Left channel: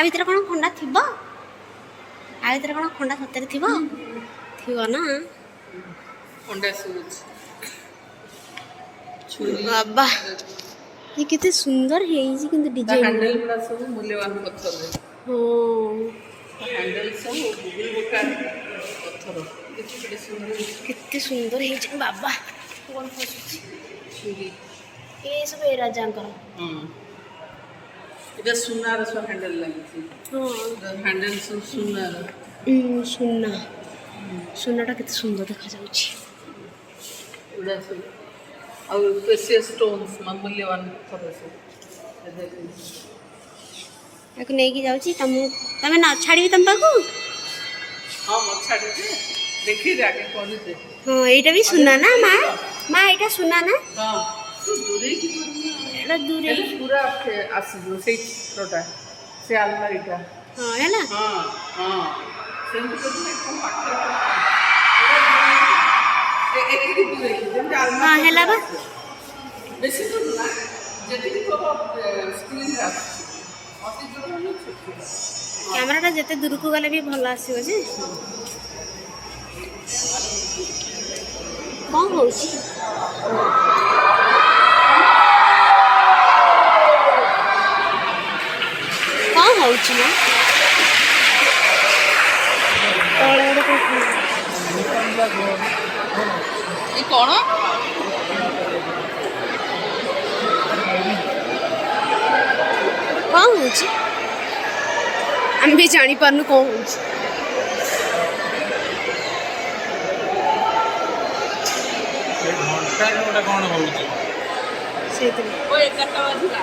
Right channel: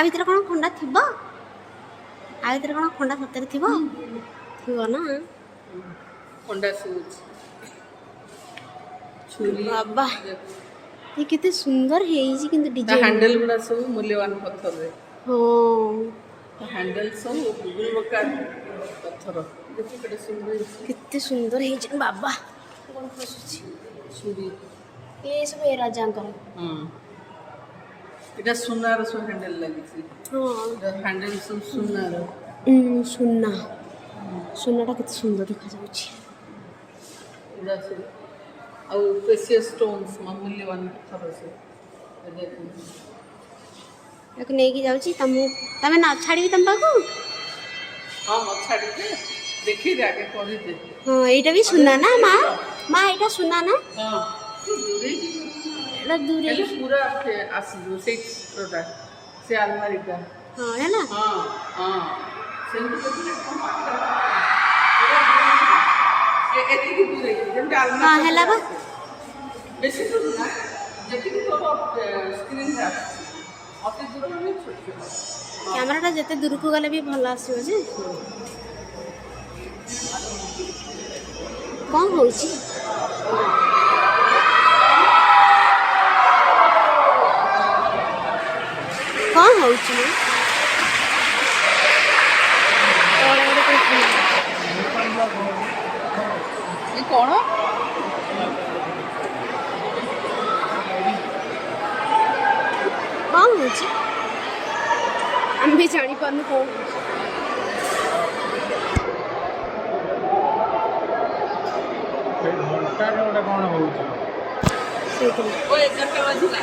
आ भितर कौन खंडा थिबो आ भितर कौन खंडा सତରେ थिबो थिबो ना खंडा सूच छुरी बाबा ये कितने सुंदर है ये किंतु डिजाइन हैंडल गुड़ा सब मूल्यवान पत्थर है हो हैंडल सब गुगल बका पत्थर कितने सुंदर है बाबा कौन फसुची छुरी ये सब ए राजांकर এটা সুনার সব হ্যান্ডেল লাগিছে हाँ হ্যান্ডেল সব সুনার सुना सुनाटा कितने सुंदर देखा जाउची এটা সব ଆଉ ପ୍ରେସିୟସ୍ ଷ୍ଟୋନ୍ସ ମୂଲ୍ୟବାନ ପଥର ସବୁ याको नेकी जाउची तमे ना छाड़ी तम पाकू ହଁ ମତ ଛାଡ଼ିଛେ ଦେଖି ଯାକେ କରିଦେ हाँ एटा भी सुना ना माँ एटा सुना ना ହଁ ଦୂରେଇକି एटा दूर ହେଲେ ପୁରା ଆସିଯିବ ସେଇ ଚିତ୍ରଟା ସେ ଆଲମାରିଟା हाँ है ना ହଁ ହଁ ସେମିତି କରିଥିଲେ କ'ଣ ଏତିକି ଦୂରେଇକି ଯେମିତି हाँ ଆଲମାରି है बा ବେଶୀ ଦୂର ନା ଯେତିକି ତୋର ସ୍କ୍ରିନ୍ରେ ଆସୁଛି ଅତି ଦୂର ମାନେ ଛୋଟ ଛୋଟ कैमराटा जिते दूर को गले भी भल आसीबो जे कौन होउची कौन होउची ना ये कौन कौन होउची हम भी जानी पारनु कौन होउची घंटा कौन हो ସେଇଥିରେ वो 11ଟା ବାଜିଲା